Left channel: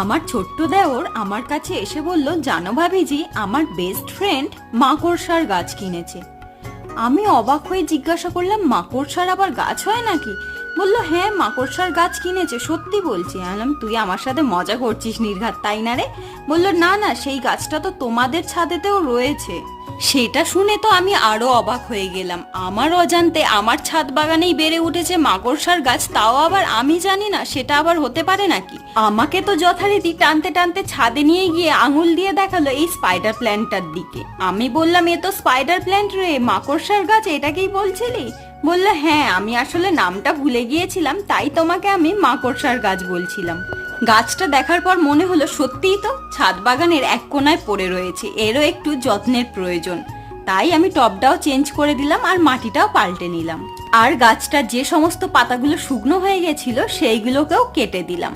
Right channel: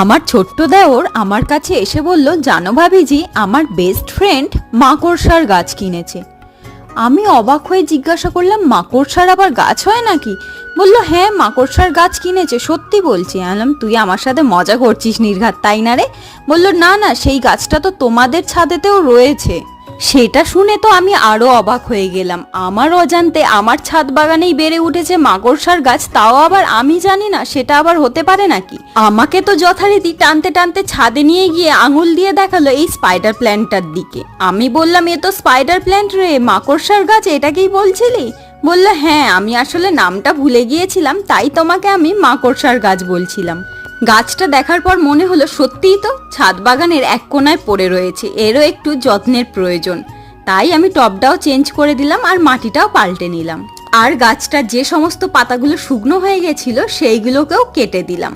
আমার ছোট্ট দেওর আমার কাছে এসে বলল, জানো ভাবিজি, আমার বেস্ট ফ্রেন্ড মাকড়সার গাছ কিনেছে। আমি অবাক হয়ে জিজ্ঞাসা করলাম, মাকড়সার আবার গাছ হয় নাকি? বলল, হ্যাঁ, মাকড়সার গাছ কিনেছে, সত্যি বলছি। আলাম, তুই আমার সাথে মজা করছিস নির্ঘাত, তাই না রে? বলল, না না, সেই গাছটা তো তোমাদের ছাদেতেও রয়েছে। সেটা শুনে তো আমি আরো অবাক হয়ে গেলাম। আমার অজান্তে আমার ছাদ বাগানেই বেড়ে উঠেছে মাকড়সার গাছ, তাও আবার আমি জানি না, সেটা আবার হতে পারে নাকি? আমাকে তো যথারীতি টানতে টানতে ছাদে নিয়ে গিয়ে আঙুল দিয়ে দেখালো এই স্পাইডার প্ল্যান্টটার দিকে। আমি বললাম, এ তো স্পাইডার প্ল্যান্ট রে, মাকড়সার গাছ, এটাকেই বলছিলি? বললো, হ্যাঁ, আমি আসলে নামটা ভুলে গিয়েছিলাম, তাই তোমাকে আমি মাকড়সার গাছ বলছিলাম। গাছটা দেখার পর মনে হলো সত্যিই তো ছাদ বাগানের এক কোনায় পড়ে রয়েছে, এরও একটু যত্নের প্রয়োজন। তাই আমি টবটাও চেঞ্জ করে দিলাম আর মাটিটাও পাল্টে নিলাম। আর গাছটার যে সমস্ত পাতাগুলো শুকনো হয়ে গেছিল সেইগুলোকেও কেটে দিলাম।